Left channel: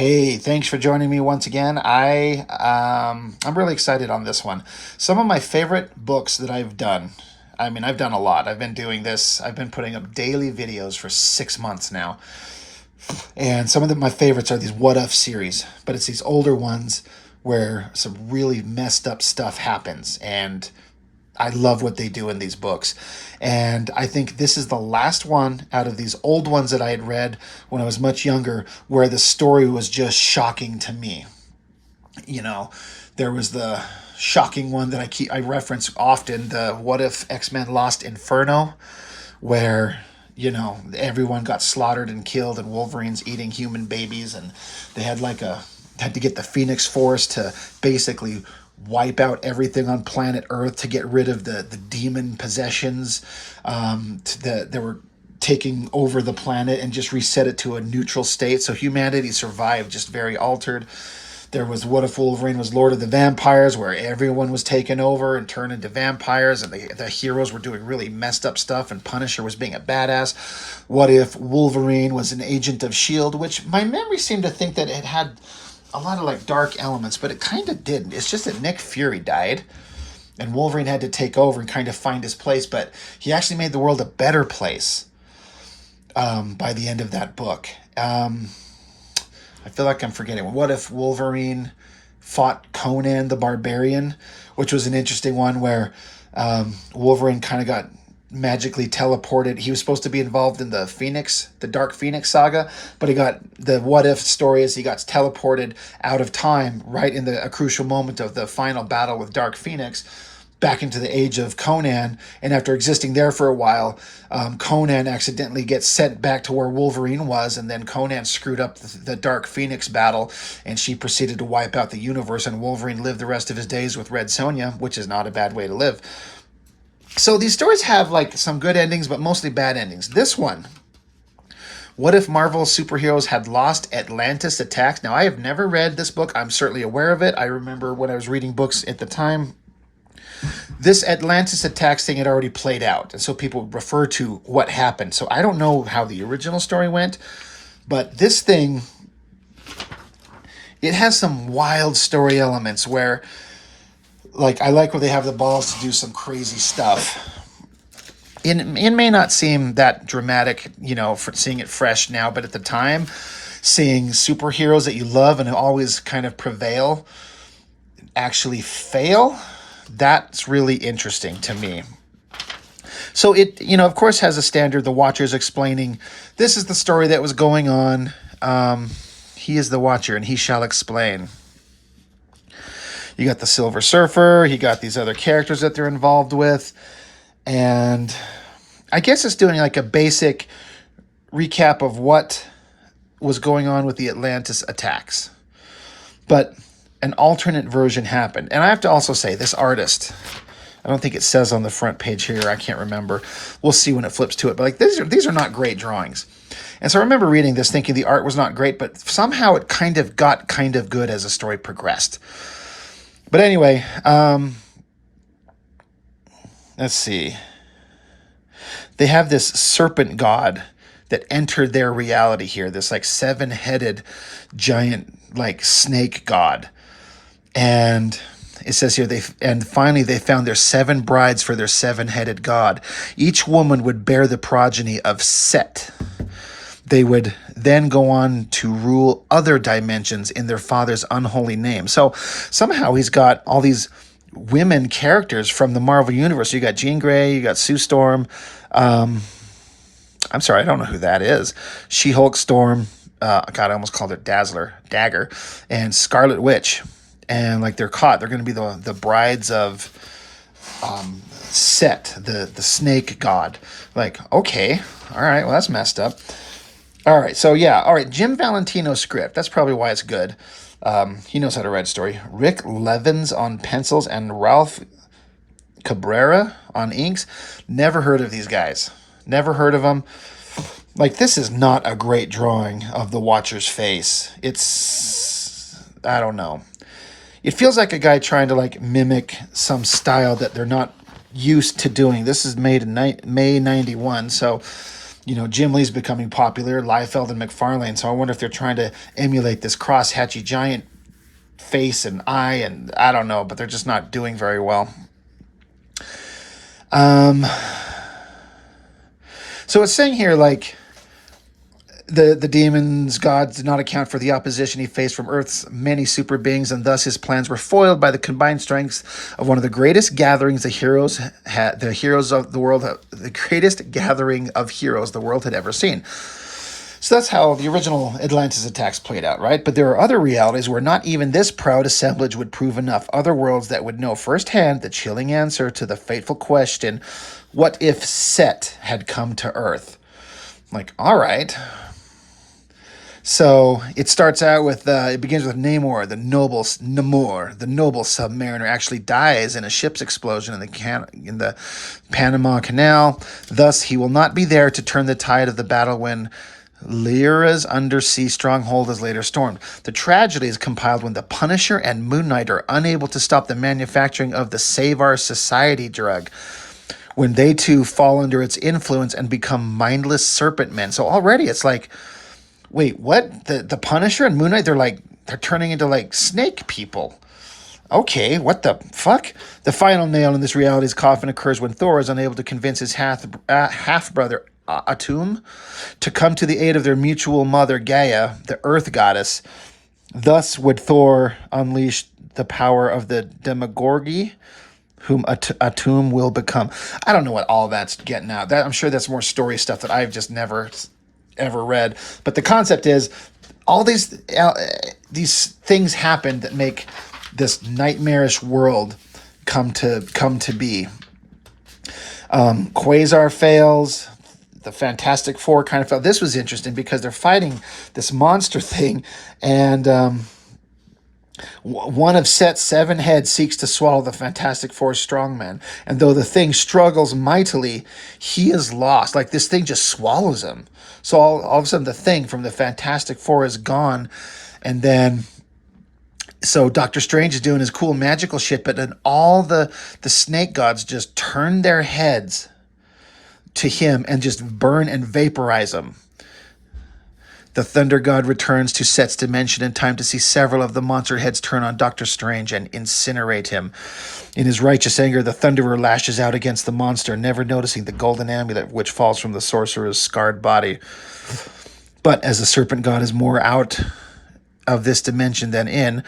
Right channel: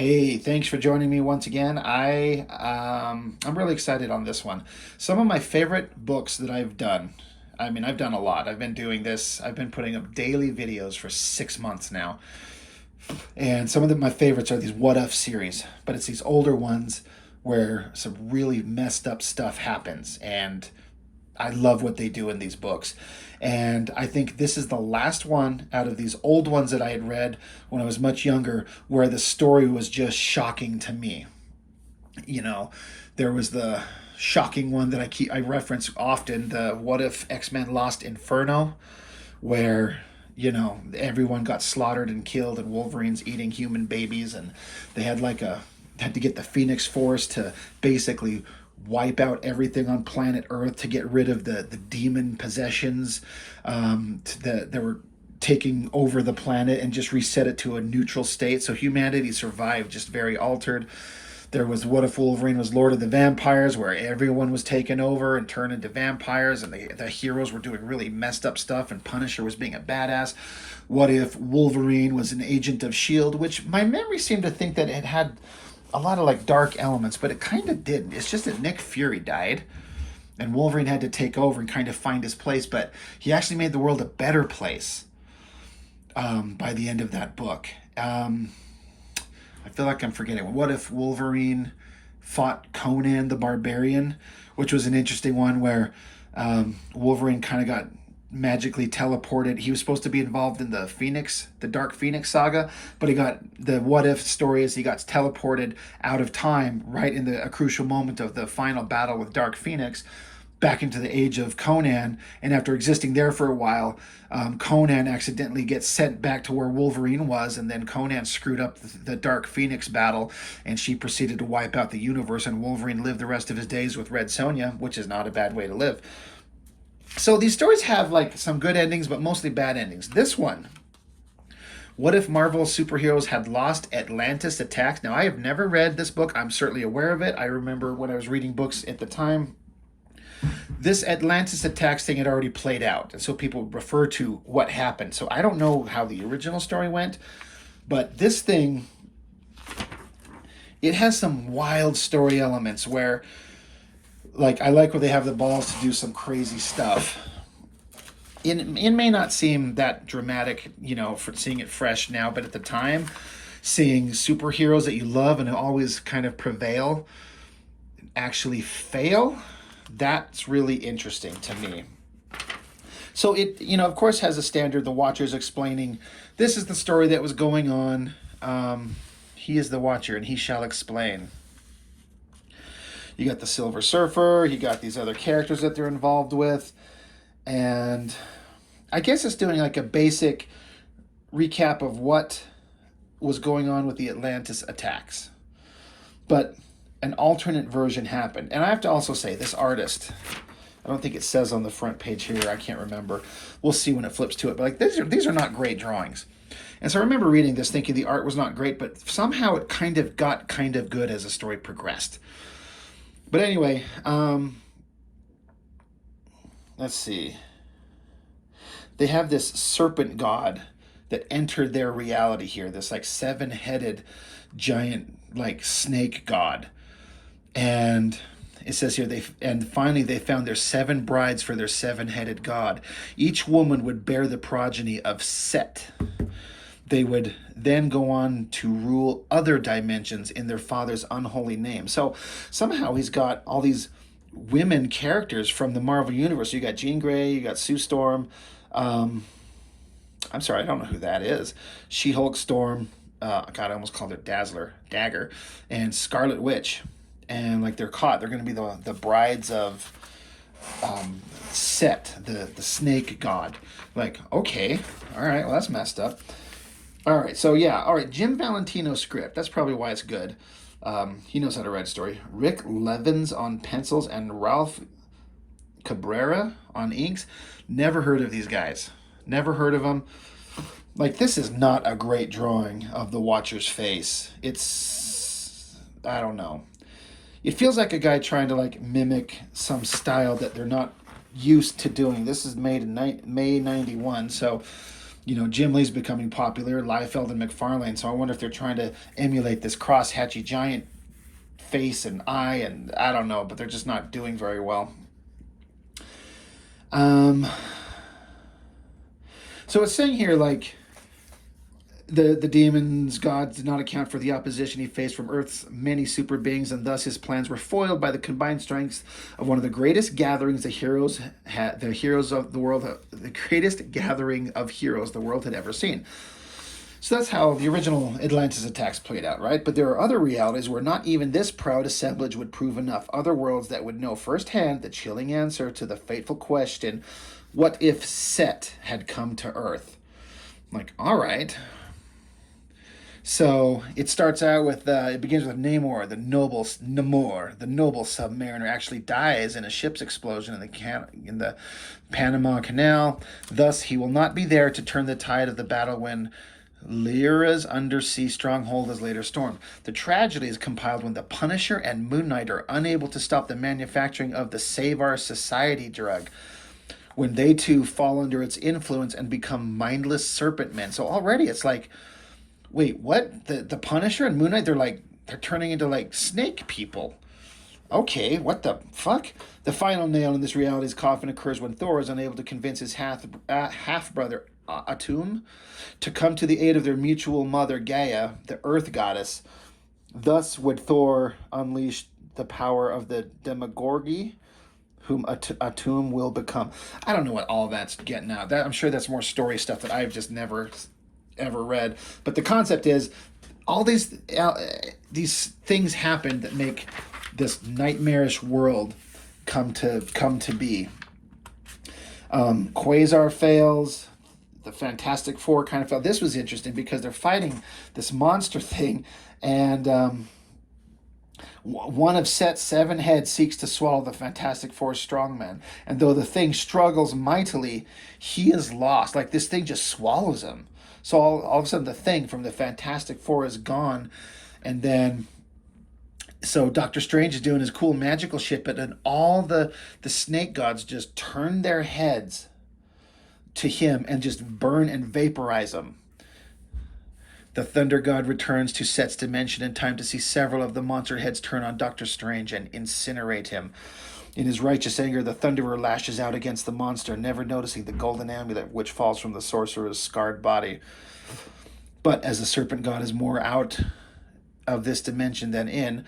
Hey, thanks for joining me once again. I'm really excited on this one. Some of my favorite books that I've done. I mean, I've done a lot. I've been doing this. I've been putting up daily videos for 6 months now. And some of my favorites are these what if series, but it's these older ones where some really messed up stuff happens, and I love what they do in these books. And I think this is the last one out of these old ones that I had read when I was much younger where the story was just shocking to me. You know, there was the shocking one that I reference often, the what if X-Men Lost Inferno, where everyone got slaughtered and killed and Wolverine's eating human babies, and they had to get the Phoenix Force to basically wipe out everything on planet Earth to get rid of the demon possessions that were taking over the planet, and just reset it to a neutral state. So humanity survived just very altered. There was what if Wolverine was Lord of the Vampires, where everyone was taken over and turned into vampires, and the heroes were doing really messed up stuff, and Punisher was being a badass. What if Wolverine was an agent of S.H.I.E.L.D., which my memory seemed to think that it had a lot of like dark elements, but it kind of didn't. It's just that Nick Fury died, and Wolverine had to take over and kind of find his place, but he actually made the world a better place by the end of that book. I feel like I'm forgetting. What if Wolverine fought Conan the Barbarian, which was an interesting one where Wolverine kind of got magically teleported. He was supposed to be involved in the Dark Phoenix saga, but the what if story is he got teleported out of time right in a crucial moment of the final battle with Dark Phoenix back into the age of Conan, and after existing there for a while, Conan accidentally gets sent back to where Wolverine was, and then Conan screwed up the Dark Phoenix battle, and she proceeded to wipe out the universe, and Wolverine lived the rest of his days with Red Sonja, which is not a bad way to live. So these stories have like some good endings, but mostly bad endings. This one, what if Marvel superheroes had lost Atlantis Attacks? Now, I have never read this book. I'm certainly aware of it. I remember when I was reading books at the time, this Atlantis Attacks thing had already played out, and so people refer to what happened. So I don't know how the original story went, but this thing, it has some wild story elements where, like, I like where they have the balls to do some crazy stuff. It may not seem that dramatic, for seeing it fresh now, but at the time, seeing superheroes that you love and always kind of prevail actually fail, that's really interesting to me. So it, of course, has a standard. The Watcher's explaining, this is the story that was going on. He is the Watcher, and he shall explain. You got the Silver Surfer. You got these other characters that they're involved with. And I guess it's doing like a basic recap of what was going on with the Atlantis attacks. But an alternate version happened. And I have to also say, this artist, I don't think it says on the front page here, I can't remember. We'll see when it flips to it. But like these are not great drawings. And so I remember reading this thinking the art was not great, but somehow it kind of got kind of good as the story progressed. But anyway, let's see. They have this serpent god that entered their reality here, this like 7-headed giant like snake god. And it says here, finally they found their 7 brides for their 7-headed god. Each woman would bear the progeny of Set. They would then go on to rule other dimensions in their father's unholy name. So somehow he's got all these women characters from the Marvel Universe. You got Jean Grey, you got Sue Storm. I'm sorry, I don't know who that is. She-Hulk, Storm. God, I almost called it Dagger, and Scarlet Witch. And like they're going to be the brides of Set, the snake god. Like, okay, all right, well, that's messed up. All right, so yeah, all right, Jim Valentino's script. That's probably why it's good. He knows how to write a story. Rick Levins on pencils and Ralph Cabrera on inks. Never heard of these guys. Never heard of them. Like, this is not a great drawing of the Watcher's face. It's, I don't know. It feels like a guy trying to like mimic some style that they're not used to doing. This is made in May 91, so Jim Lee's becoming popular, Liefeld and McFarlane. So I wonder if they're trying to emulate this cross-hatchy giant face and eye, and I don't know, but they're just not doing very well. So it's saying here, like, the demons, gods did not account for the opposition he faced from Earth's many super beings, and thus his plans were foiled by the combined strengths of one of the greatest gatherings the heroes of the world, the greatest gathering of heroes the world had ever seen. So that's how the original Atlantis attacks played out, right? But there are other realities where not even this proud assemblage would prove enough. Other worlds that would know firsthand the chilling answer to the fateful question, what if Set had come to Earth? Like, all right. So it starts out with, it begins with Namor, the noble submariner, actually dies in a ship's explosion in the Panama Canal. Thus, he will not be there to turn the tide of the battle when Lyra's undersea stronghold is later stormed. The tragedy is compiled when the Punisher and Moon Knight are unable to stop the manufacturing of the Save Our Society drug, when they too fall under its influence and become mindless serpent men. So already it's like, wait, what? The Punisher and Moon Knight, they're turning into like snake people. Okay, what the fuck? The final nail in this reality's coffin occurs when Thor is unable to convince his half-brother Atum to come to the aid of their mutual mother Gaia, the Earth goddess. Thus would Thor unleash the power of the Demagogi, whom Atum will become. I don't know what all that's getting at. I'm sure that's more story stuff that I've just never ever read. But the concept is, all these things happen that make this nightmarish world come to be. Quasar fails. The Fantastic Four kind of felt. This was interesting because they're fighting this monster thing, and one of Set's 7 heads seeks to swallow the Fantastic Four's strongman. And though the thing struggles mightily, he is lost. Like, this thing just swallows him. So all of a sudden, the thing from the Fantastic Four is gone. And then, so Doctor Strange is doing his cool magical shit, but then all the snake gods just turn their heads to him and just burn and vaporize him. The Thunder God returns to Set's dimension in time to see several of the monster heads turn on Doctor Strange and incinerate him. In his righteous anger, the Thunderer lashes out against the monster, never noticing the golden amulet which falls from the sorcerer's scarred body. But as the Serpent God is more out of this dimension than in,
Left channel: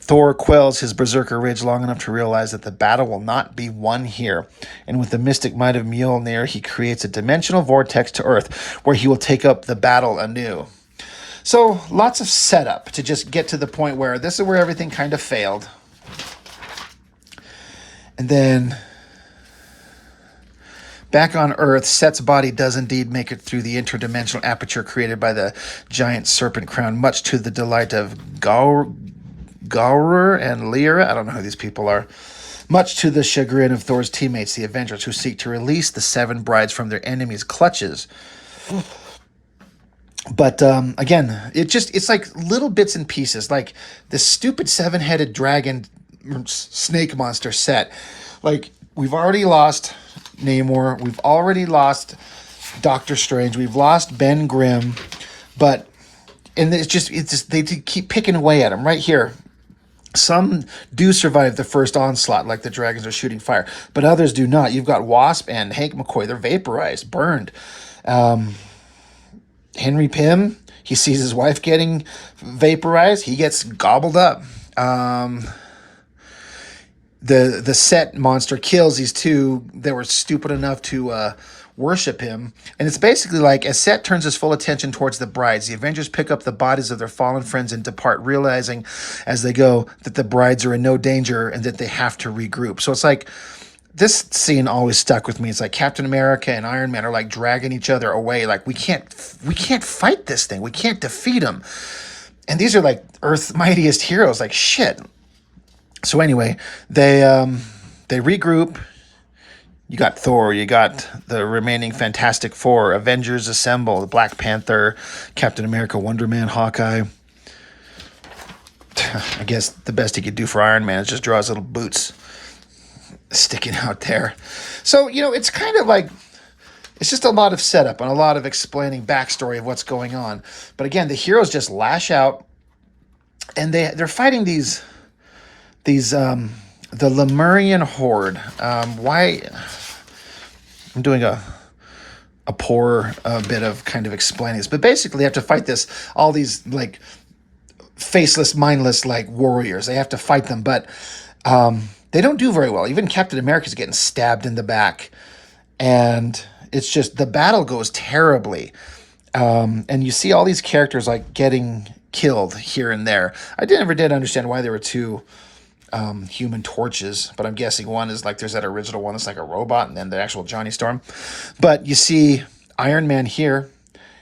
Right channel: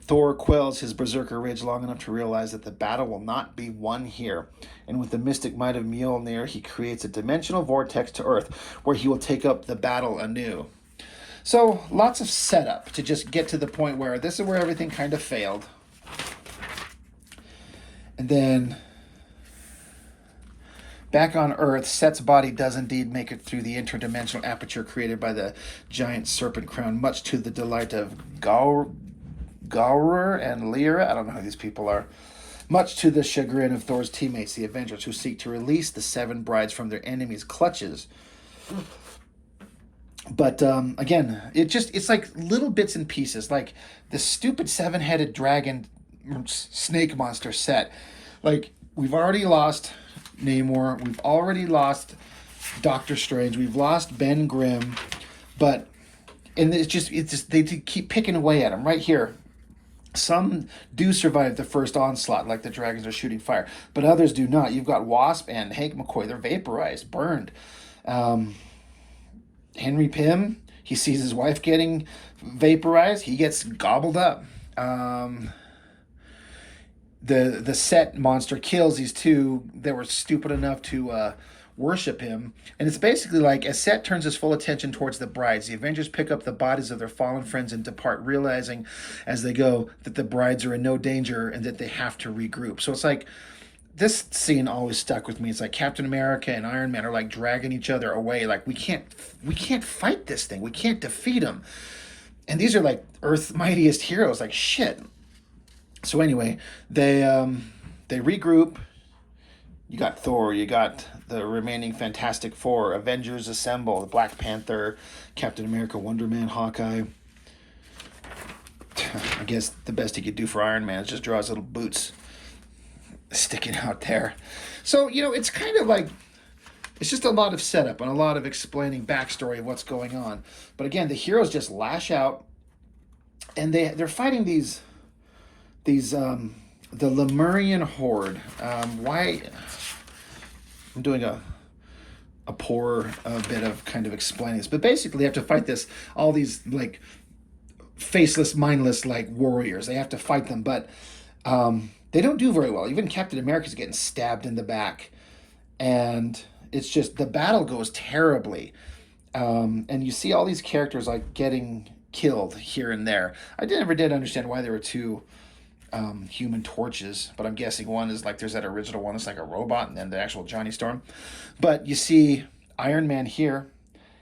Thor quells his berserker rage long enough to realize that the battle will not be won here. And with the mystic might of Mjolnir, he creates a dimensional vortex to Earth, where he will take up the battle anew. So lots of setup to just get to the point where this is where everything kind of failed. And then back on Earth, Set's body does indeed make it through the interdimensional aperture created by the giant serpent crown, much to the delight of Gaurer and Lyra. I don't know who these people are. Much to the chagrin of Thor's teammates, the Avengers, who seek to release the 7 brides from their enemies' clutches. But again, it's like little bits and pieces, like this stupid 7-headed dragon snake monster Set. Like, we've already lost Namor, we've already lost Doctor Strange, we've lost Ben Grimm, but it's just they keep picking away at him right here. Some do survive the first onslaught, like the dragons are shooting fire, but others do not. You've got Wasp and Hank McCoy; they're vaporized, burned. Henry Pym, he sees his wife getting vaporized, he gets gobbled up. The Set monster kills these two that were stupid enough to worship him. And it's basically like, as Set turns his full attention towards the brides, the Avengers pick up the bodies of their fallen friends and depart, realizing as they go that the brides are in no danger and that they have to regroup. So it's like, this scene always stuck with me. It's like Captain America and Iron Man are like dragging each other away. Like, we can't fight this thing. We can't defeat him. And these are like Earth's mightiest heroes. Like, shit. So anyway, they regroup. You got Thor. You got the remaining Fantastic Four. Avengers assemble. Black Panther, Captain America, Wonder Man, Hawkeye. I guess the best he could do for Iron Man is just draw his little boots sticking out there. So, it's kind of like, It's just a lot of setup and a lot of explaining backstory of what's going on. But again, the heroes just lash out, and they're fighting these the Lemurian horde. Why I'm doing a poor bit of kind of explaining this, but basically they have to fight all these like faceless, mindless like warriors. They have to fight them, but they don't do very well. Even Captain America's getting stabbed in the back, and it's just the battle goes terribly. And you see all these characters like getting killed here and there. I never did understand why there were two Human Torches, but I'm guessing one is like there's that original one that's like a robot, and then the actual Johnny Storm. But you see Iron Man here.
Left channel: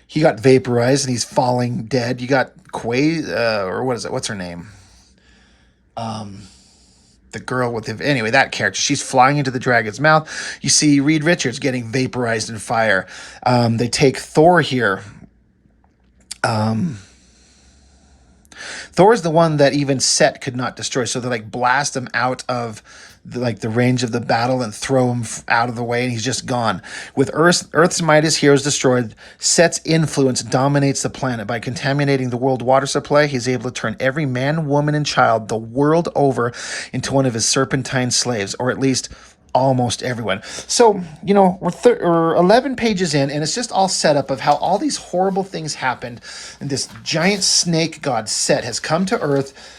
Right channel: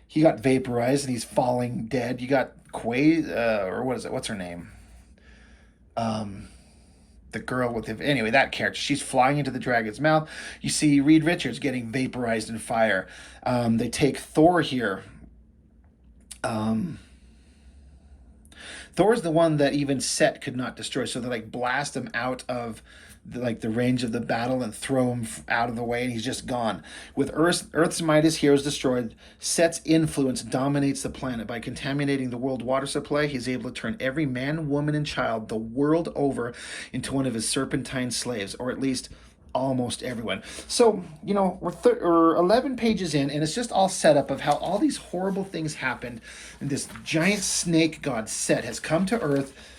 He got vaporized and he's falling dead. You got or what is it? What's her name? The girl with the anyway, that character. She's flying into the dragon's mouth. You see Reed Richards getting vaporized in fire. They take Thor here. Thor's the one that even Set could not destroy, so they like blast him out of the range of the battle and throw him out of the way, and he's just gone. With Earth's might, his heroes destroyed. Set's influence dominates the planet. By contaminating the world water supply, he's able to turn every man, woman, and child the world over into one of his serpentine slaves, or at least almost everyone. So, we're 11 pages in, and it's just all set up of how all these horrible things happened, and this giant snake god Set has come to Earth,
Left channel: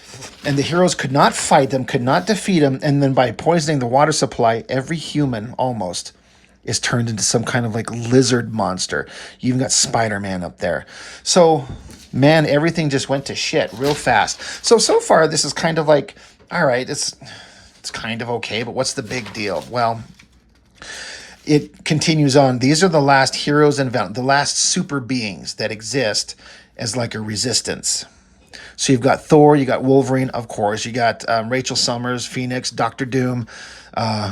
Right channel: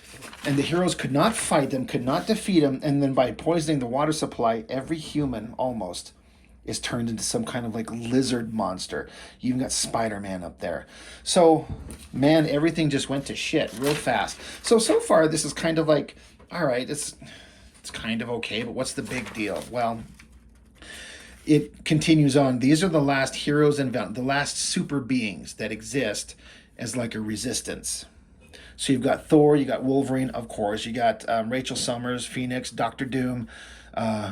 and the heroes could not fight them, could not defeat him, and then by poisoning the water supply, every human almost is turned into some kind of like lizard monster. You even got Spider-Man up there. So, man, everything just went to shit real fast. So far, this is kind of like, all right, it's kind of okay, but what's the big deal? Well, it continues on. These are the last heroes and the last super beings that exist as like a resistance. So you've got Thor, you got Wolverine, of course, you got Rachel Summers, Phoenix, Doctor Doom,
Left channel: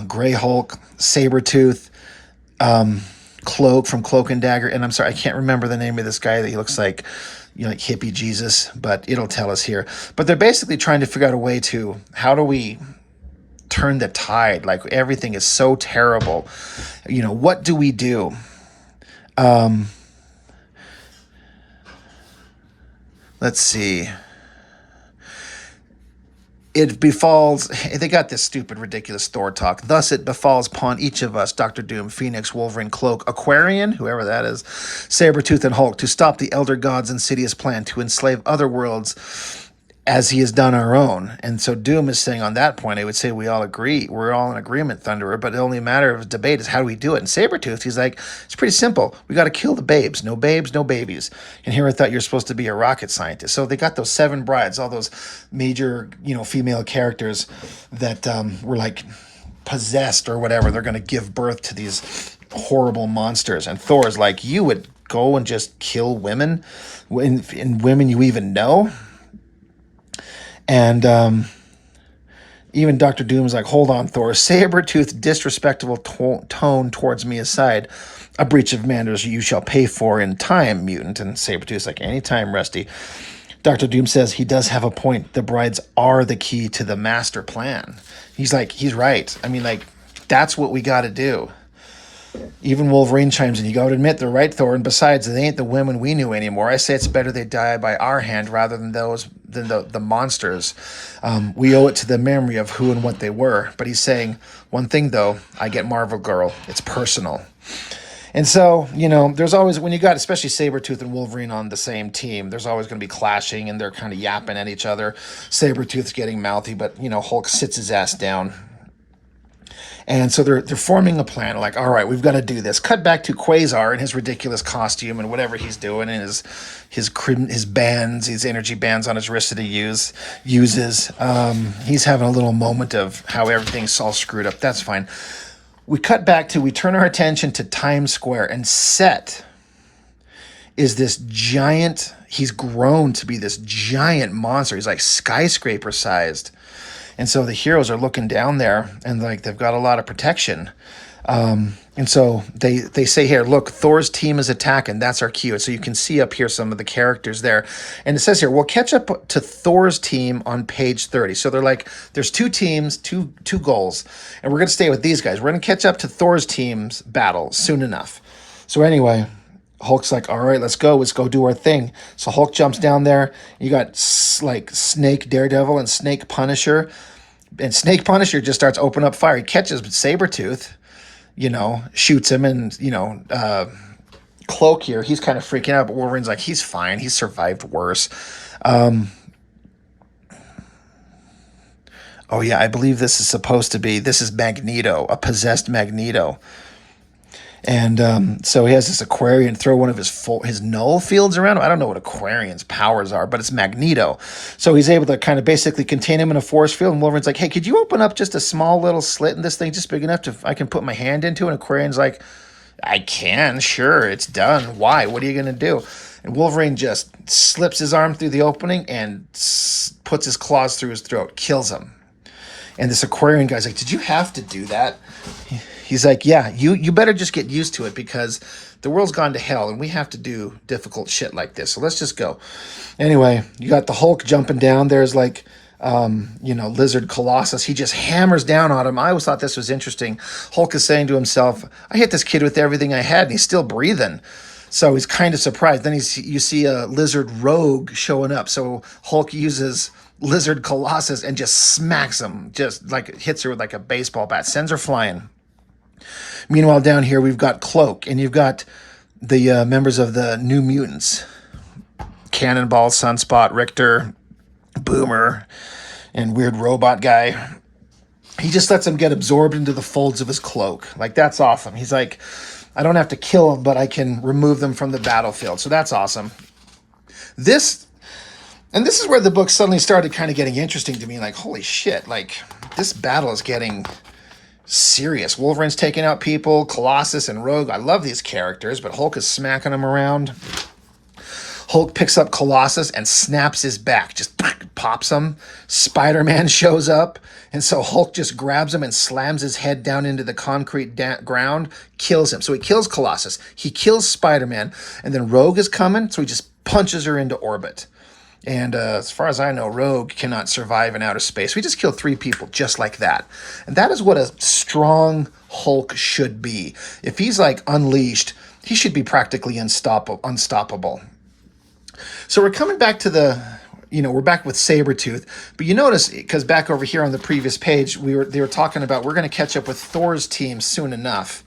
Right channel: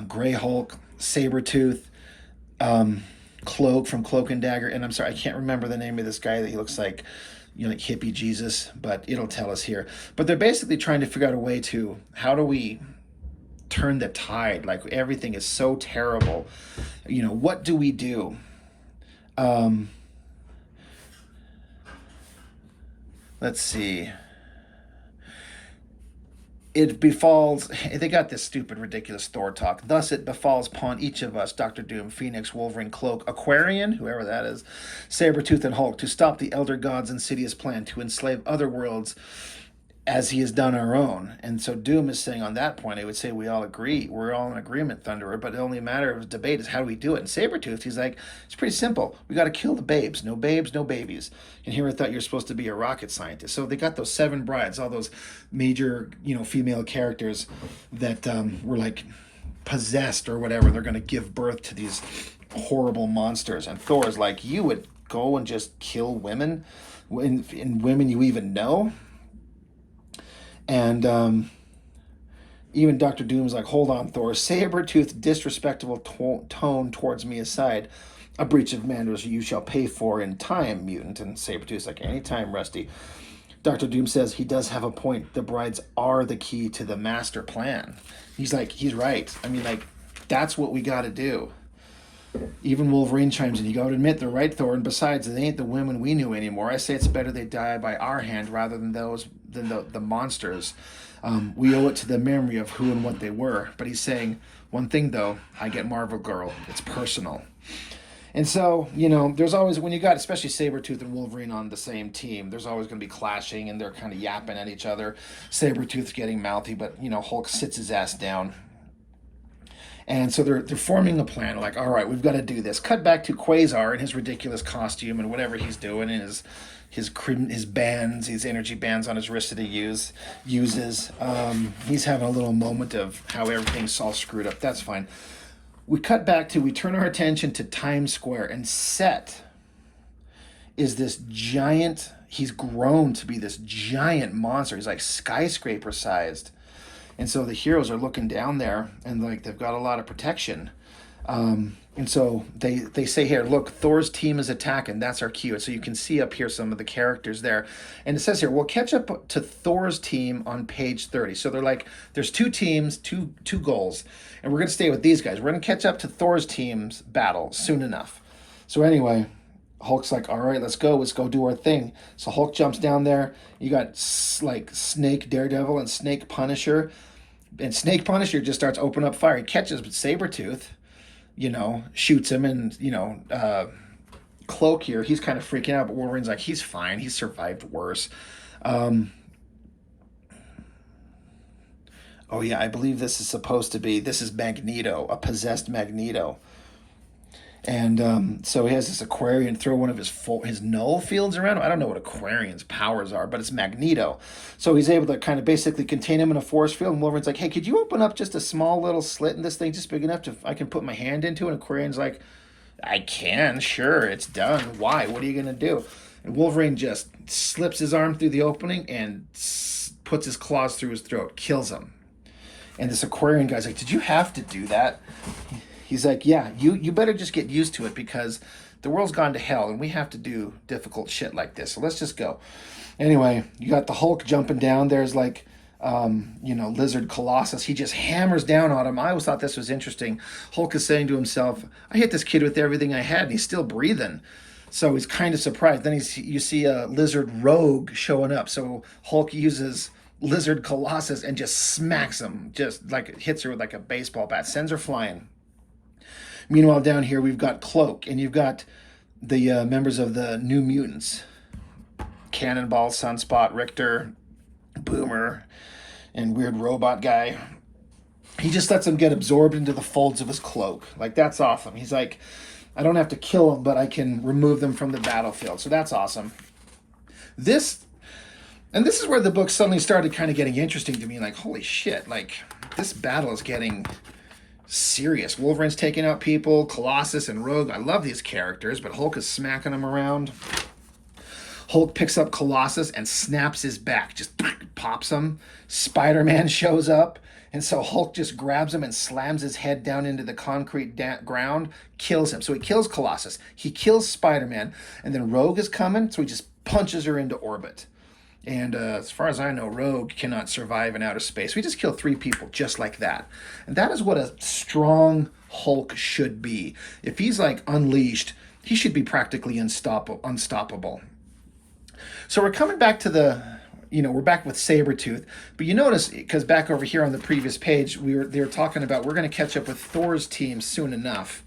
Grey Hulk, Sabretooth, Cloak from Cloak and Dagger, and I'm sorry, I can't remember the name of this guy that he looks like, like hippie Jesus, but it'll tell us here. But they're basically trying to figure out a way to, how do we turn the tide? Like everything is so terrible. What do we do? Let's see. It befalls, they got this stupid, ridiculous Thor talk. Thus it befalls upon each of us, Doctor Doom, Phoenix, Wolverine, Cloak, Aquarian, whoever that is, Sabretooth, and Hulk, to stop the Elder God's insidious plan to enslave other worlds as he has done our own. And so Doom is saying on that point, I would say we all agree. We're all in agreement, Thunderer, but the only matter of debate is how do we do it? And Sabretooth, he's like, it's pretty simple. We got to kill the babes. No babes, no babies. And here I thought you're supposed to be a rocket scientist. So they got those 7 brides, all those major, female characters that were like possessed or whatever. They're going to give birth to these horrible monsters. And Thor's like, you would go and just kill women? And women you even know? And even Dr. Doom is like, hold on, Thor. Sabretooth disrespectful tone towards me aside. A breach of manners you shall pay for in time, mutant. And Sabretooth's like, anytime, Rusty. Dr. Doom says he does have a point. The brides are the key to the master plan. He's like, he's right. I mean, like, that's what we got to do. Even Wolverine chimes in. You got to admit, they're right, Thor. And besides, they ain't the women we knew anymore. I say it's better they die by our hand rather than the monsters. We owe it to the memory of who and what they were. But he's saying, one thing, though, I get Marvel Girl. It's personal. And so, there's always, when you got especially Sabretooth and Wolverine on the same team, there's always going to be clashing, and they're kind of yapping at each other. Sabretooth's getting mouthy, but, Hulk sits his ass down. And so they're forming a plan, like, all right, we've got to do this. Cut back to Quasar in his ridiculous costume and whatever he's doing, and his bands, his energy bands on his wrist that he uses. He's having a little moment of how everything's all screwed up. That's fine. We turn our attention to Times Square, and Set is this giant, he's grown to be this giant monster. He's like skyscraper sized. And so the heroes are looking down there, and like they've got a lot of protection. And so they say here, look, Thor's team is attacking. That's our cue. So you can see up here some of the characters there. And it says here, we'll catch up to Thor's team on page 30. So they're like, there's 2 teams, two goals. And we're going to stay with these guys. We're going to catch up to Thor's team's battle soon enough. So anyway, Hulk's like, all right, let's go do our thing. So Hulk jumps down there. You got like Snake Daredevil and Snake Punisher. And Snake Punisher just starts opening up fire. He catches Sabretooth, shoots him, and, Cloak here, he's kind of freaking out, but Wolverine's like, he's fine. He's survived worse. Um, oh, yeah, I believe this is Magneto, a possessed Magneto. And so he has this Aquarian throw one of his null fields around him. I don't know what Aquarian's powers are, but it's Magneto. So he's able to kind of basically contain him in a force field. And Wolverine's like, hey, could you open up just a small little slit in this thing, just big enough I can put my hand into? And Aquarian's like, I can, sure, it's done. Why? What are you going to do? And Wolverine just slips his arm through the opening and puts his claws through his throat, kills him. And this Aquarian guy's like, did you have to do that? He's like, yeah, you better just get used to it because the world's gone to hell and we have to do difficult shit like this. So let's just go. Anyway, you got the Hulk jumping down. There's like, Lizard Colossus. He just hammers down on him. I always thought this was interesting. Hulk is saying to himself, I hit this kid with everything I had and he's still breathing. So he's kind of surprised. Then you see a Lizard Rogue showing up. So Hulk uses Lizard Colossus and just smacks him, just like hits her with like a baseball bat, sends her flying. Meanwhile, down here, we've got Cloak, and you've got the members of the New Mutants. Cannonball, Sunspot, Richter, Boomer, and weird robot guy. He just lets them get absorbed into the folds of his cloak. Like, that's awesome. He's like, I don't have to kill them, but I can remove them from the battlefield. So that's awesome. This is where the book suddenly started kind of getting interesting to me. Like, holy shit, like, this battle is getting serious. Wolverine's taking out people, Colossus and Rogue. I love these characters, but Hulk is smacking them around. Hulk picks up Colossus and snaps his back, just pops him. Spider-Man shows up, and so Hulk just grabs him and slams his head down into the concrete ground, kills him. So he kills Colossus, he kills Spider-Man, and then Rogue is coming, so he just punches her into orbit. And as far as I know, Rogue cannot survive in outer space. We just kill 3 people just like that. And that is what a strong Hulk should be. If he's like unleashed, he should be practically unstoppable. So we're coming back to we're back with Sabretooth. But you notice, because back over here on the previous page, they were talking about we're going to catch up with Thor's team soon enough.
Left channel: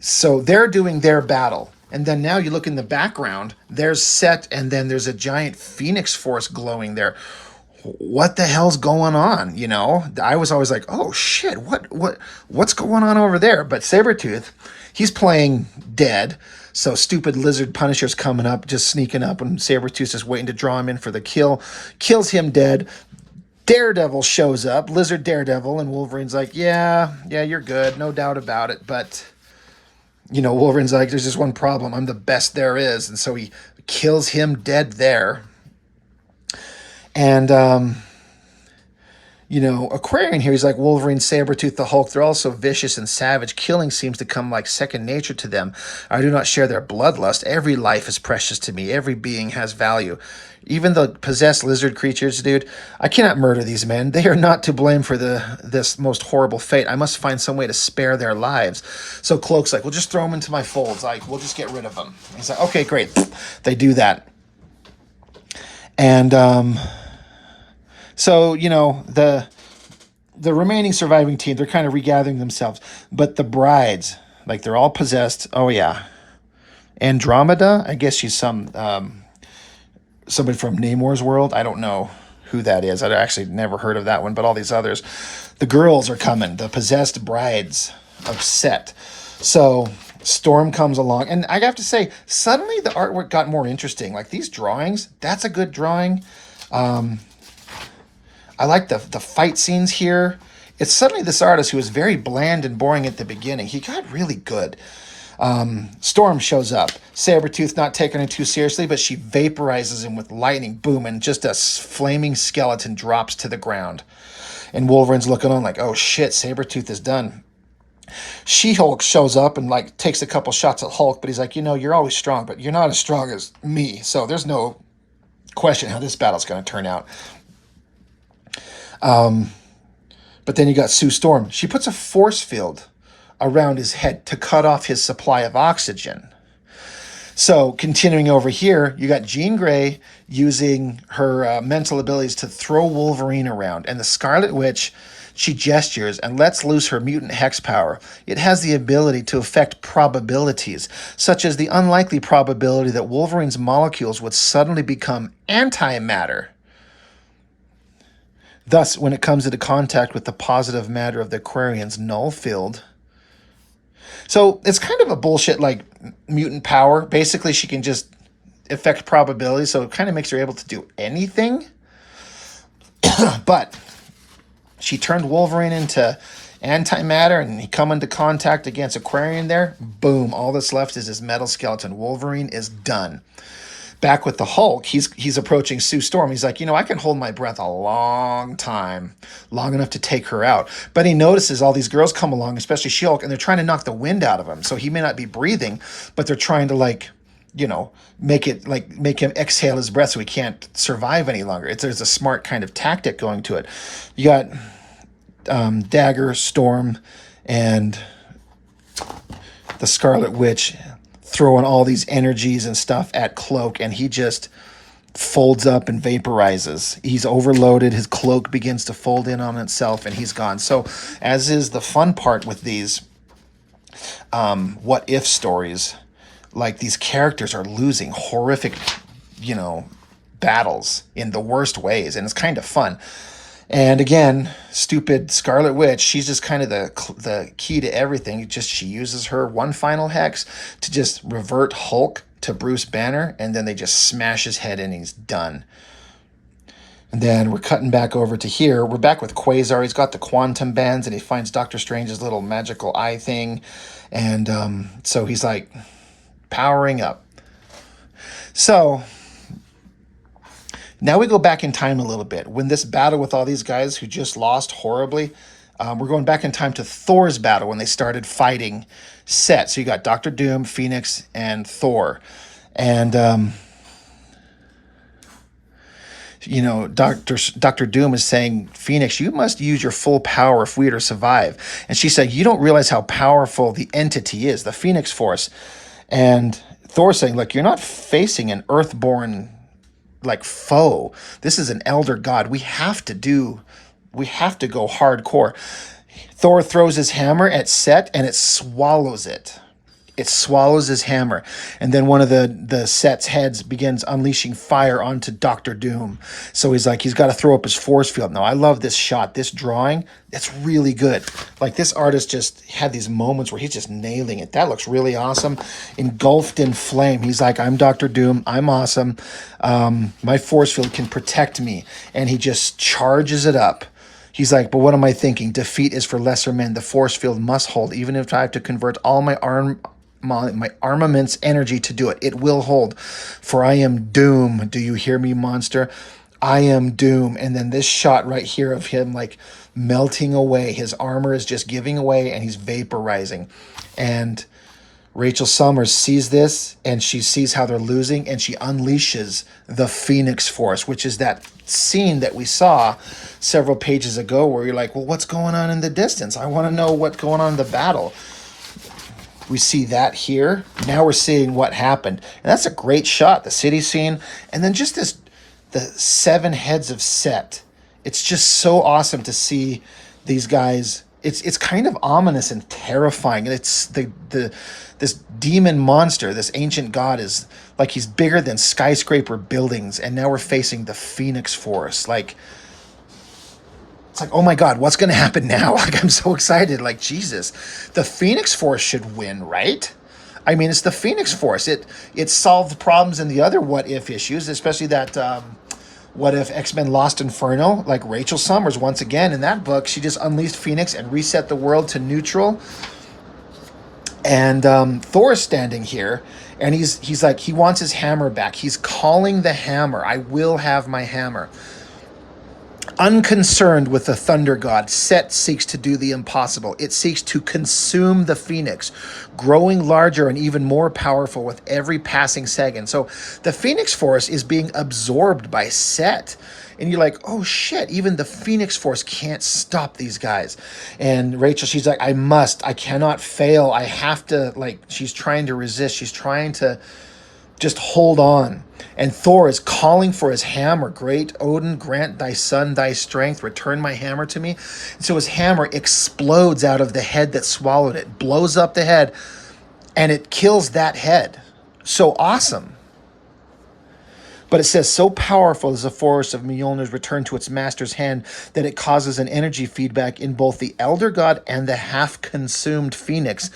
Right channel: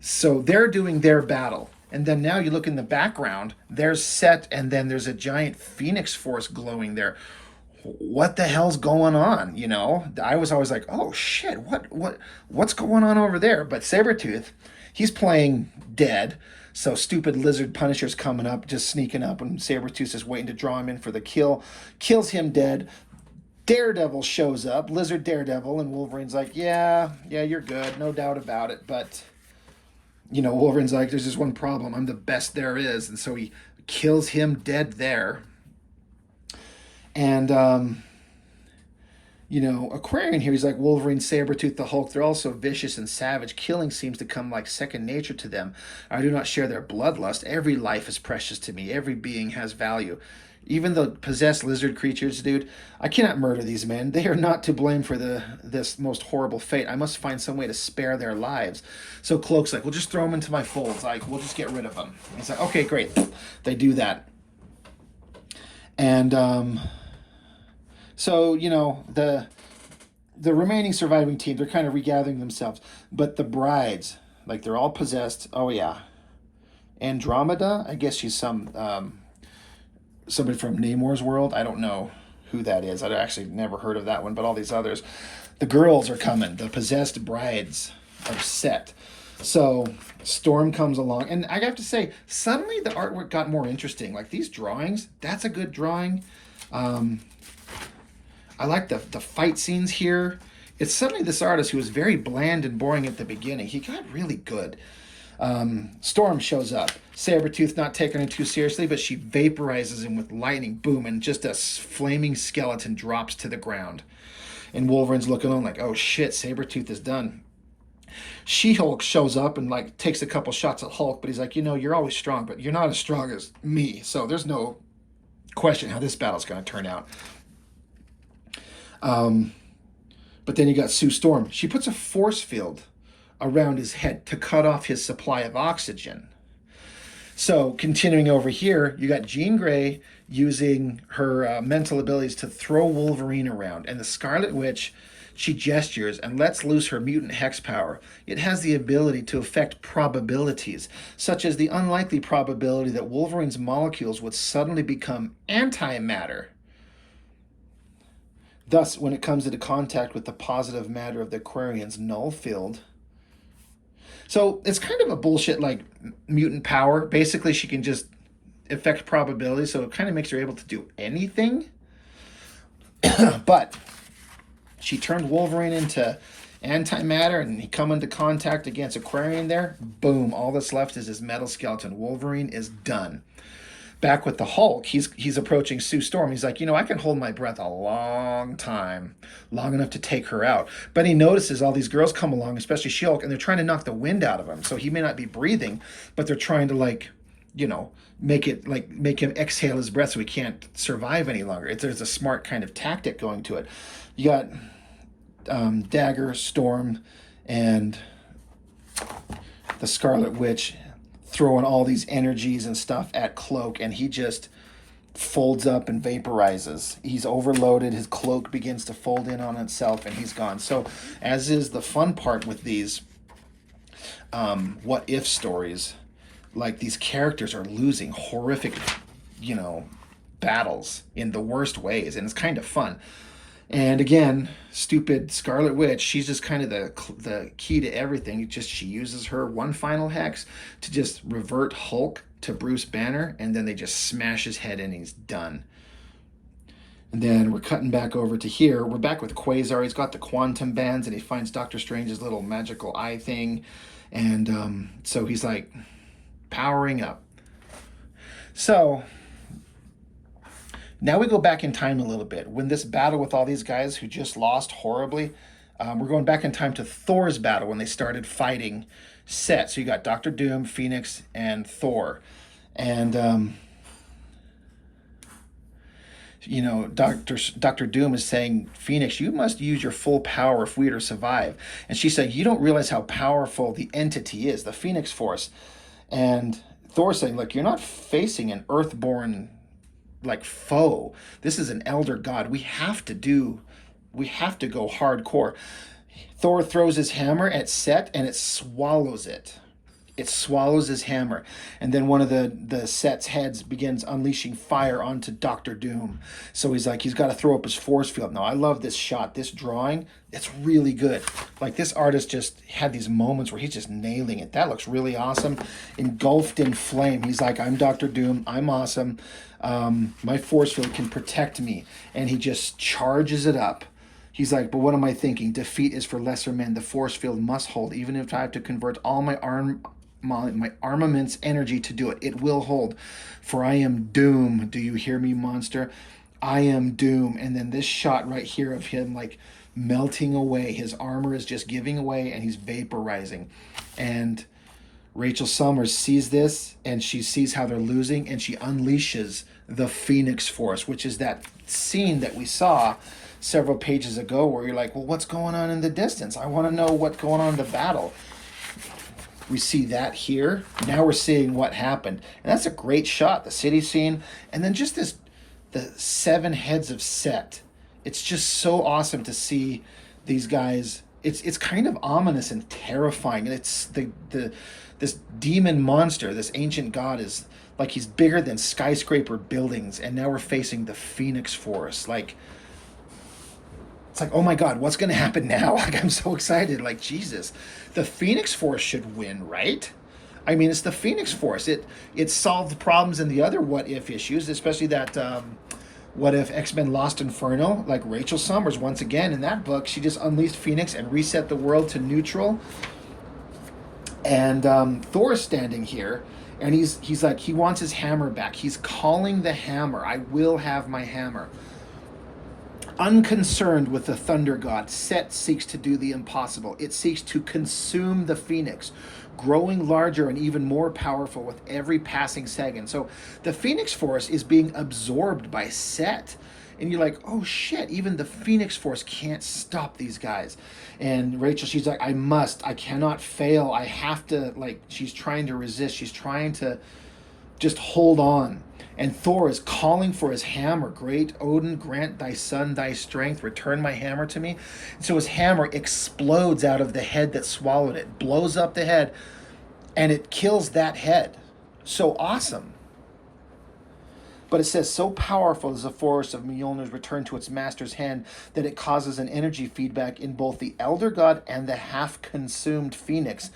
So they're doing their battle. And then now you look in the background, there's Set, and then there's a giant Phoenix Force glowing there. What the hell's going on? I was always like, oh shit, what's going on over there? But Sabretooth, he's playing dead. So stupid Lizard Punisher's coming up, just sneaking up, and Sabretooth is waiting to draw him in for the kill. Kills him dead. Daredevil shows up, Lizard Daredevil, and Wolverine's like, yeah, you're good, no doubt about it, but Wolverine's like, there's just one problem. I'm the best there is. And so he kills him dead there. And, Aquarian here, he's like, Wolverine, Sabretooth, the Hulk, they're all so vicious and savage. Killing seems to come like second nature to them. I do not share their bloodlust. Every life is precious to me. Every being has value. Even the possessed lizard creatures, dude, I cannot murder these men. They are not to blame for this most horrible fate. I must find some way to spare their lives. So Cloak's like, well, just throw them into my folds. We'll just get rid of them. And he's like, okay, great. They do that. And so, the remaining surviving team, they're kind of regathering themselves. But the brides, like, they're all possessed. Oh, yeah. Andromeda, I guess she's somebody from Namor's world. I don't know who that is. I'd actually never heard of that one, but all these others. The girls are coming, the possessed brides of Set. So Storm comes along, and I have to say, suddenly the artwork got more interesting. Like, these drawings, that's a good drawing. I like the fight scenes here. It's suddenly this artist who was very bland and boring at the beginning. He got really good. Storm shows up. Sabretooth not taking her too seriously, but she vaporizes him with lightning, boom, and just a flaming skeleton drops to the ground. And Wolverine's looking on like, oh shit, Sabretooth is done. She-Hulk shows up and like takes a couple shots at Hulk, but he's like, you're always strong, but you're not as strong as me, so there's no question how this battle's going to turn out. But then you got Sue Storm. She puts a force field around his head to cut off his supply of oxygen. So continuing over here, you got Jean Grey using her mental abilities to throw Wolverine around, and the Scarlet Witch, she gestures and lets loose her mutant hex power. It has the ability to affect probabilities, such as the unlikely probability that Wolverine's molecules would suddenly become antimatter. Thus, when it comes into contact with the positive matter of the Aquarian's null field. So it's kind of a bullshit like mutant power. Basically, she can just affect probability, so it kind of makes her able to do anything. But she turned Wolverine into antimatter, and he come into contact against Aquarian there. Boom, all that's left is his metal skeleton. Wolverine is done. Back with the Hulk, he's approaching Sue Storm. He's like, I can hold my breath a long time, long enough to take her out. But he notices all these girls come along, especially She-Hulk, and they're trying to knock the wind out of him. So he may not be breathing, but they're trying to make him exhale his breath so he can't survive any longer. There's a smart kind of tactic going to it. You got Dagger, Storm, and the Scarlet Witch throwing all these energies and stuff at Cloak, and he just folds up and vaporizes. He's overloaded. His cloak begins to fold in on itself, and he's gone. So, as is the fun part with these what-if stories, like these characters are losing horrific, battles in the worst ways, and it's kind of fun. And again, stupid Scarlet Witch, she's just kind of the key to everything. She uses her one final hex to just revert Hulk to Bruce Banner, and then they just smash his head in and he's done. And then we're cutting back over to here. We're back with Quasar. He's got the quantum bands, and he finds Doctor Strange's little magical eye thing. And so he's like powering up. So now we go back in time a little bit. When this battle with all these guys who just lost horribly, we're going back in time to Thor's battle when they started fighting Set. So you got Doctor Doom, Phoenix, and Thor. And, Doctor Doom is saying, Phoenix, you must use your full power if we are to survive. And she said, you don't realize how powerful the entity is, the Phoenix Force. And Thor saying, look, you're not facing an Earthborn foe. This is an elder god. We have to go hardcore. Thor throws his hammer at Set, and it swallows it. It swallows his hammer. And then one of the Set's heads begins unleashing fire onto Doctor Doom. So he's got to throw up his force field. Now, I love this shot, this drawing. It's really good. This artist just had these moments where he's just nailing it. That looks really awesome. Engulfed in flame. He's like, I'm Doctor Doom. I'm awesome. My force field can protect me. And he just charges it up. He's like, but what am I thinking? Defeat is for lesser men. The force field must hold, even if I have to convert all my armament's energy to do it. It will hold. For I am Doom. Do you hear me, monster? I am Doom. And then this shot right here of him melting away. His armor is just giving away, and he's vaporizing. And Rachel Summers sees this, and she sees how they're losing, and she unleashes the Phoenix Force, which is that scene that we saw several pages ago where you're like, well, what's going on in the distance? I want to know what's going on in the battle. We see that here. Now we're seeing what happened. And that's a great shot, the city scene. And then just the 7 heads of Set. It's just so awesome to see these guys. It's kind of ominous and terrifying. It's this demon monster, this ancient god is he's bigger than skyscraper buildings. And now we're facing the Phoenix Force. It's oh my God, what's going to happen now? I'm so excited. Jesus, the Phoenix Force should win, right? I mean, it's the Phoenix Force. It solved problems in the other what-if issues, especially that what if X-Men Lost Inferno, Rachel Summers, once again, in that book, she just unleashed Phoenix and reset the world to neutral. And Thor's standing here, and he's like, he wants his hammer back. He's calling the hammer. I will have my hammer. Unconcerned with the thunder god, Set seeks to do the impossible. It seeks to consume the phoenix, growing larger and even more powerful with every passing second. So the phoenix force is being absorbed by Set. And you're like, oh shit, even the phoenix force can't stop these guys. And Rachel, she's like, I cannot fail. I have to, like, she's trying to resist. She's trying to just hold on. And Thor is calling for his hammer. Great Odin, grant thy son thy strength. Return my hammer to me. And so his hammer explodes out of the head that swallowed it, blows up the head, and it kills that head. So awesome. But it says, so powerful is the force of Mjolnir's return to its master's hand that it causes an energy feedback in both the Elder God and the half-consumed Phoenix,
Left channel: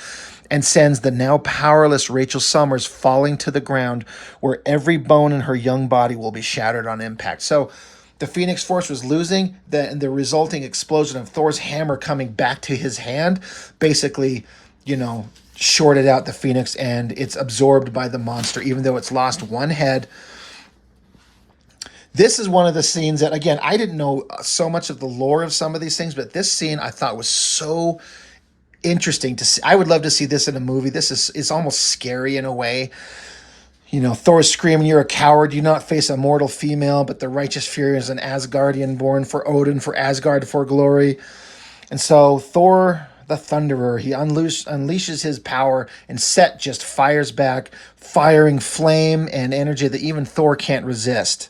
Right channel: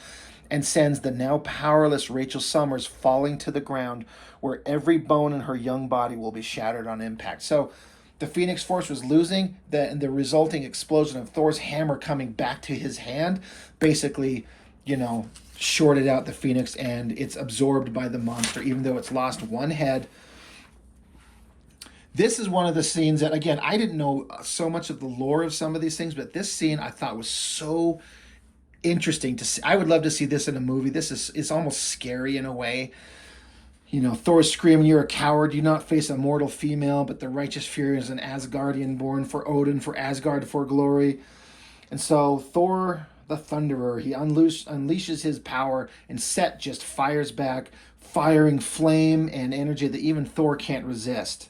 and sends the now powerless Rachel Summers falling to the ground, where every bone in her young body will be shattered on impact. So the Phoenix Force was losing, the resulting explosion of Thor's hammer coming back to his hand basically, shorted out the Phoenix, and it's absorbed by the monster, even though it's lost one head. This is one of the scenes that, again, I didn't know so much of the lore of some of these things, but this scene I thought was so interesting to see. I would love to see this in a movie. It's almost scary in a way. Thor's screaming, "You're a coward. You not face a mortal female, but the righteous Fury is an Asgardian born for Odin, for Asgard, for glory." And so Thor, the Thunderer, he unleashes his power, and Set just fires back, firing flame and energy that even Thor can't resist.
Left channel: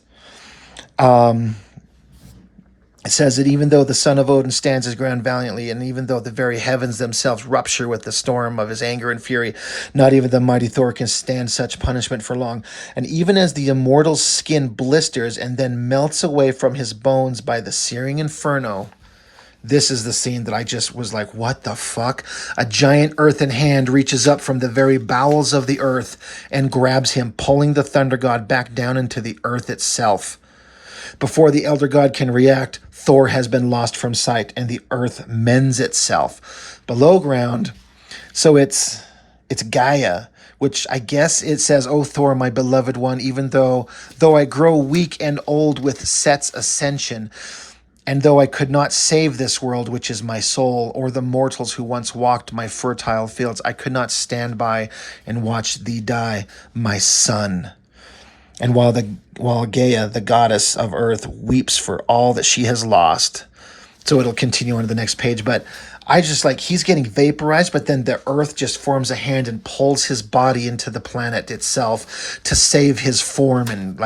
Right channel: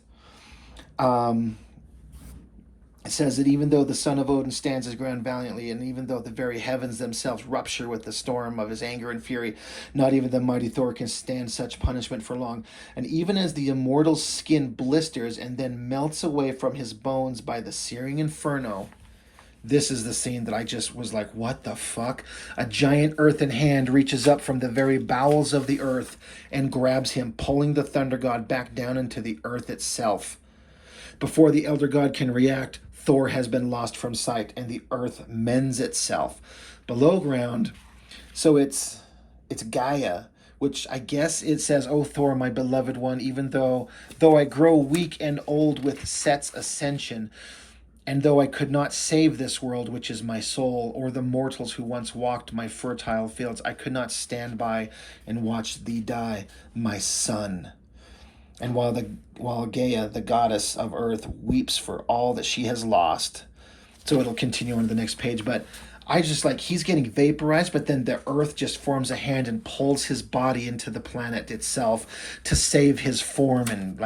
It says that even though the son of Odin stands his ground valiantly, and even though the very heavens themselves rupture with the storm of his anger and fury, not even the mighty Thor can stand such punishment for long. And even as the immortal's skin blisters and then melts away from his bones by the searing inferno, this is the scene that I just was like, what the fuck? A giant earthen hand reaches up from the very bowels of the earth and grabs him, pulling the thunder god back down into the earth itself. Before the Elder God can react, Thor has been lost from sight, and the earth mends itself. Below ground, so it's Gaia, which I guess it says, "O Thor, my beloved one, even though I grow weak and old with Set's ascension, and though I could not save this world, which is my soul, or the mortals who once walked my fertile fields, I could not stand by and watch thee die, my son." And while Gaia, the goddess of earth, weeps for all that she has lost. So it'll continue on to the next page. But I just he's getting vaporized, but then the earth just forms a hand and pulls his body into the planet itself to save his form and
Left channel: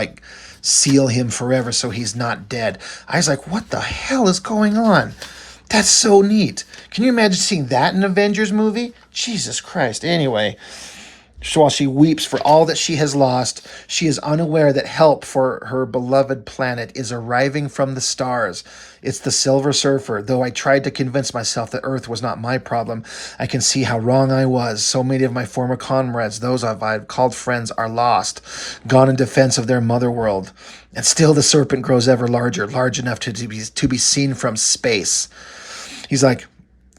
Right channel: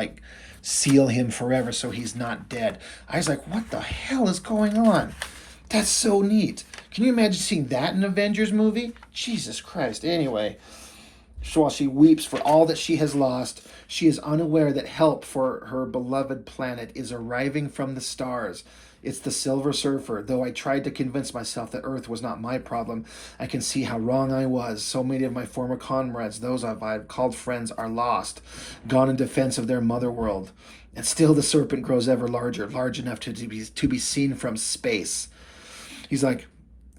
seal him forever so he's not dead. I was like, what the hell is going on? That's so neat. Can you imagine seeing that in an Avengers movie? Jesus Christ. Anyway, so while she weeps for all that she has lost, she is unaware that help for her beloved planet is arriving from the stars. It's the Silver Surfer. Though I tried to convince myself that Earth was not my problem, I can see how wrong I was. So many of my former comrades, those I've called friends, are lost, gone in defense of their mother world. And still the serpent grows ever larger, large enough to be seen from space. He's like,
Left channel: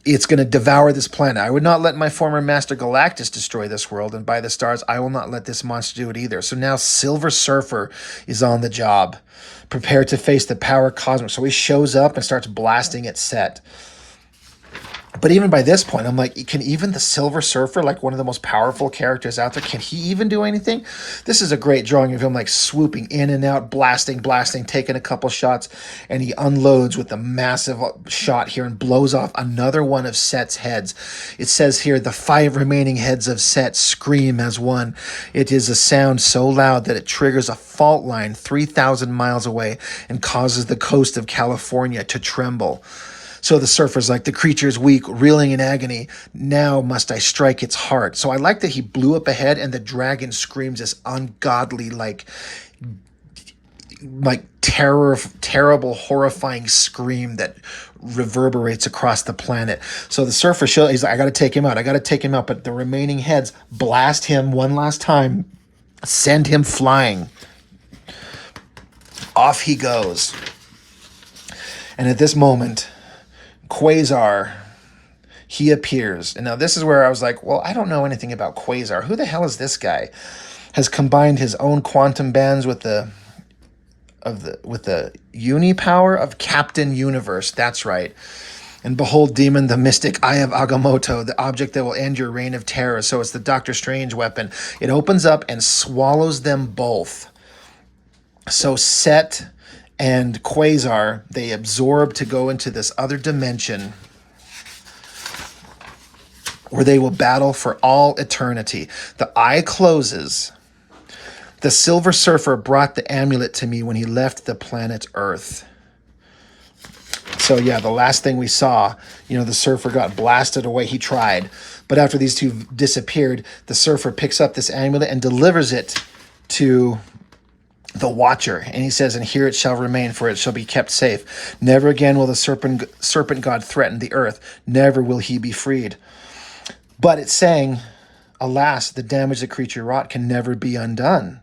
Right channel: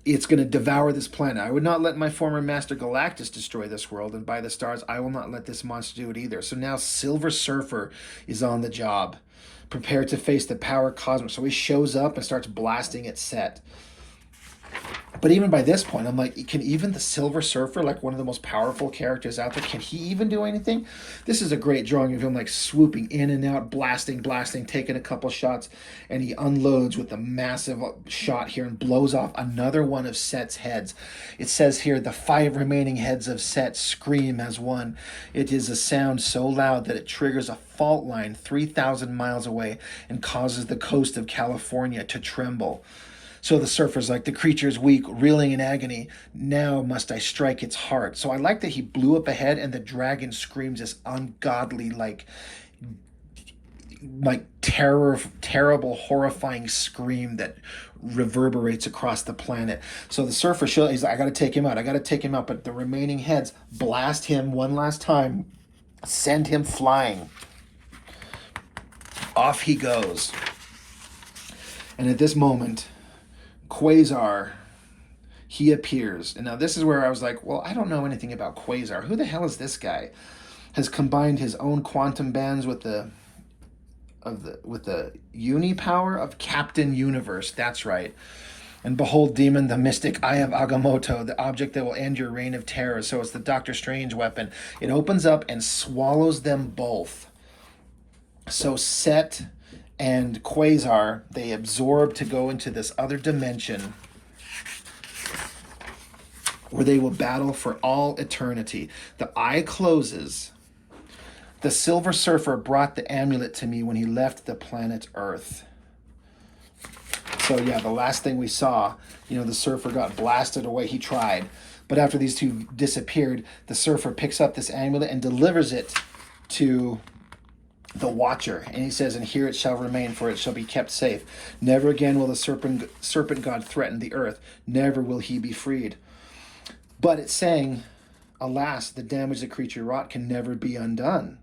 it's going to devour this planet. I would not let my former master Galactus destroy this world, and by the stars, I will not let this monster do it either. So now Silver Surfer is on the job, prepared to face the power cosmic. So he shows up and starts blasting at Set. But even by this point, I'm like, can even the Silver Surfer, one of the most powerful characters out there, can he even do anything? This is a great drawing of him swooping in and out, blasting, taking a couple shots, and he unloads with a massive shot here and blows off another one of Set's heads. It says here, the 5 remaining heads of Set scream as one. It is a sound so loud that it triggers a fault line 3,000 miles away and causes the coast of California to tremble. So the surfer's like, the creature is weak, reeling in agony. Now must I strike its heart. So I like that he blew up ahead and the dragon screams this ungodly, terrible, horrifying scream that reverberates across the planet. So the surfer he's like, I got to take him out. But the remaining heads blast him one last time, send him flying. Off he goes. And at this moment, Quasar, he appears. And now this is where I was like, well, I don't know anything about Quasar. Who the hell is this guy? Has combined his own quantum bands with the with the uni power of Captain Universe. That's right. And behold, demon, the mystic Eye of Agamotto, the object that will end your reign of terror. So it's the Doctor Strange weapon. It opens up and swallows them both. So Set and Quasar, they absorb to go into this other dimension where they will battle for all eternity. The eye closes. The Silver Surfer brought the amulet to me when he left the planet Earth. So yeah, the last thing we saw, the Surfer got blasted away. He tried. But after these two disappeared, the Surfer picks up this amulet and delivers it to the Watcher. And he says, and here it shall remain, for it shall be kept safe. Never again will the serpent god threaten the earth. Never will he be freed. But it's saying, alas, the damage the creature wrought can never be undone.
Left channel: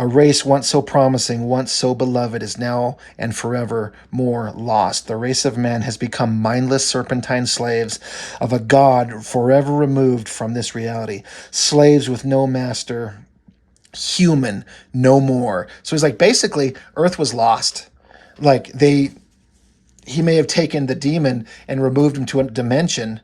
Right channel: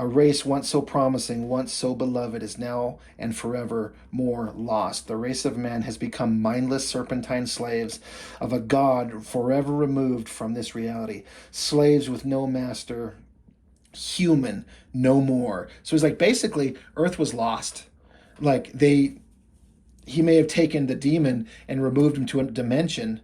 A race once so promising, once so beloved, is now and forever more lost. The race of man has become mindless serpentine slaves of a god forever removed from this reality. Slaves with no master, human no more. So he's like, basically, Earth was lost. Like he may have taken the demon and removed him to a dimension,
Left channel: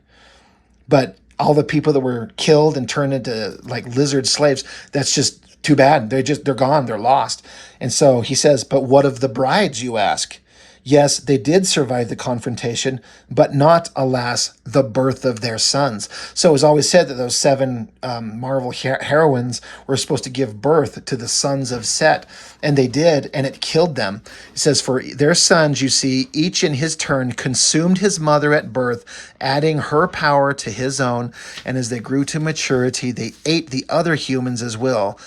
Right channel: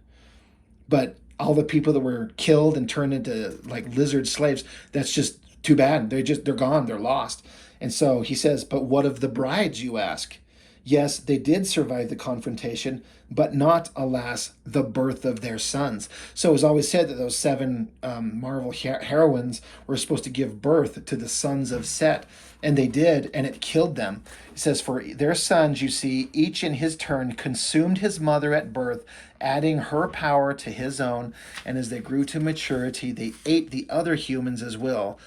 but all the people that were killed and turned into like lizard slaves, that's just too bad. They're gone. They're lost. And so he says, but what of the brides, you ask? Yes, they did survive the confrontation, but not, alas, the birth of their sons. So it was always said that those 7 Marvel heroines were supposed to give birth to the sons of Set, and they did, and it killed them. It says, for their sons, you see, each in his turn consumed his mother at birth, adding her power to his own, and as they grew to maturity, they ate the other humans as well,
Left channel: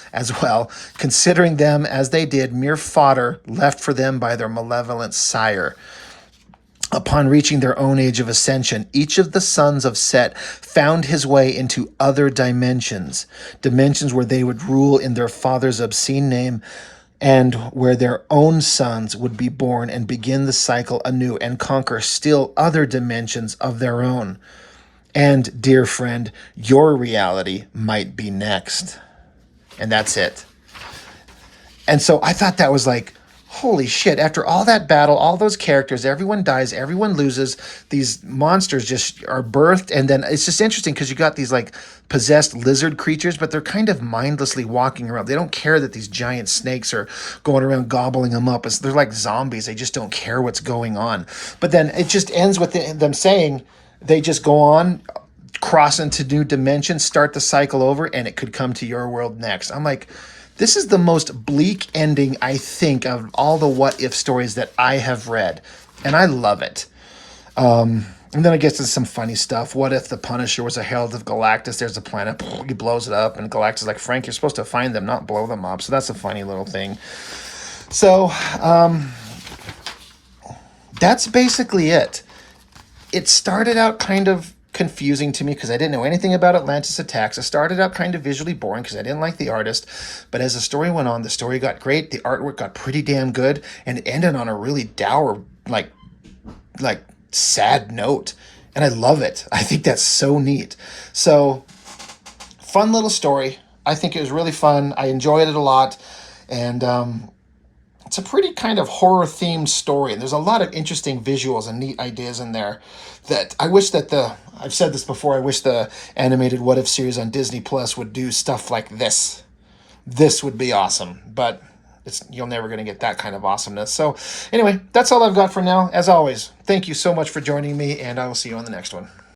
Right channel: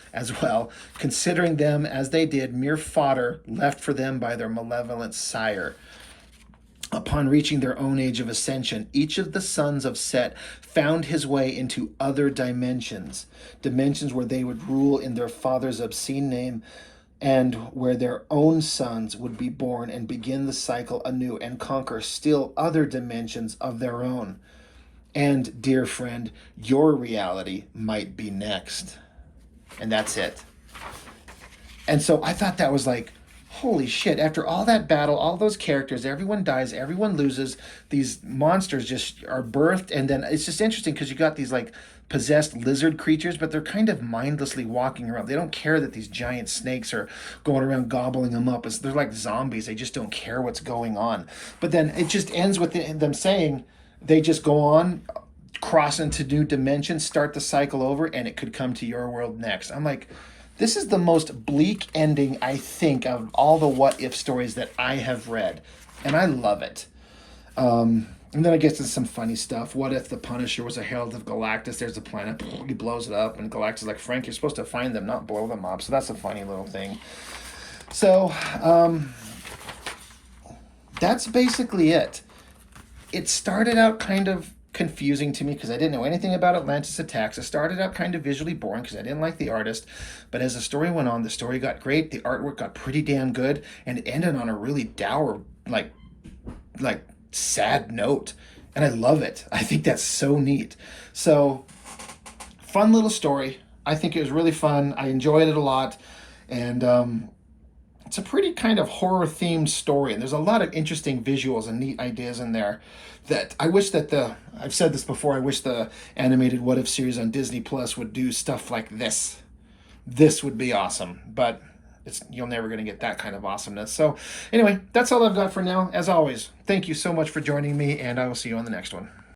considering them as they did mere fodder left for them by their malevolent sire. Upon reaching their own age of ascension, each of the sons of Set found his way into other dimensions where they would rule in their father's obscene name, and where their own sons would be born and begin the cycle anew and conquer still other dimensions of their own. And, dear friend, your reality might be next. And that's it. And so I thought that was like, holy shit, after all that battle, all those characters, everyone dies, everyone loses, these monsters just are birthed, and then it's just interesting because you got these like possessed lizard creatures, but they're kind of mindlessly walking around. They don't care that these giant snakes are going around gobbling them up. They're like zombies. They just don't care what's going on. But then it just ends with them saying they just go on, cross into new dimensions, start the cycle over, and it could come to your world next. I'm like, this is the most bleak ending, I think, of all the what if stories that I have read. And I love it. And then it gets into some funny stuff. What if the Punisher was a herald of Galactus? There's a planet. He blows it up. And Galactus is like, Frank, you're supposed to find them, not blow them up. So that's a funny little thing. So that's basically it. It started out kind of confusing to me because I didn't know anything about Atlantis Attacks. It started out kind of visually boring because I didn't like the artist, but as the story went on, the story got great, the artwork got pretty damn good, and it ended on a really dour, like sad note, and I love it. I think that's so neat. So fun little story. I think it was really fun. I enjoyed it a lot, and it's a pretty kind of horror themed story, and there's a lot of interesting visuals and neat ideas in there that I wish that I've said this before, I wish the animated What If series on Disney Plus would do stuff like this. This would be awesome, but you're never going to get that kind of awesomeness. So anyway, that's all I've got for now. As always, thank you so much for joining me, and I will see you on the next one.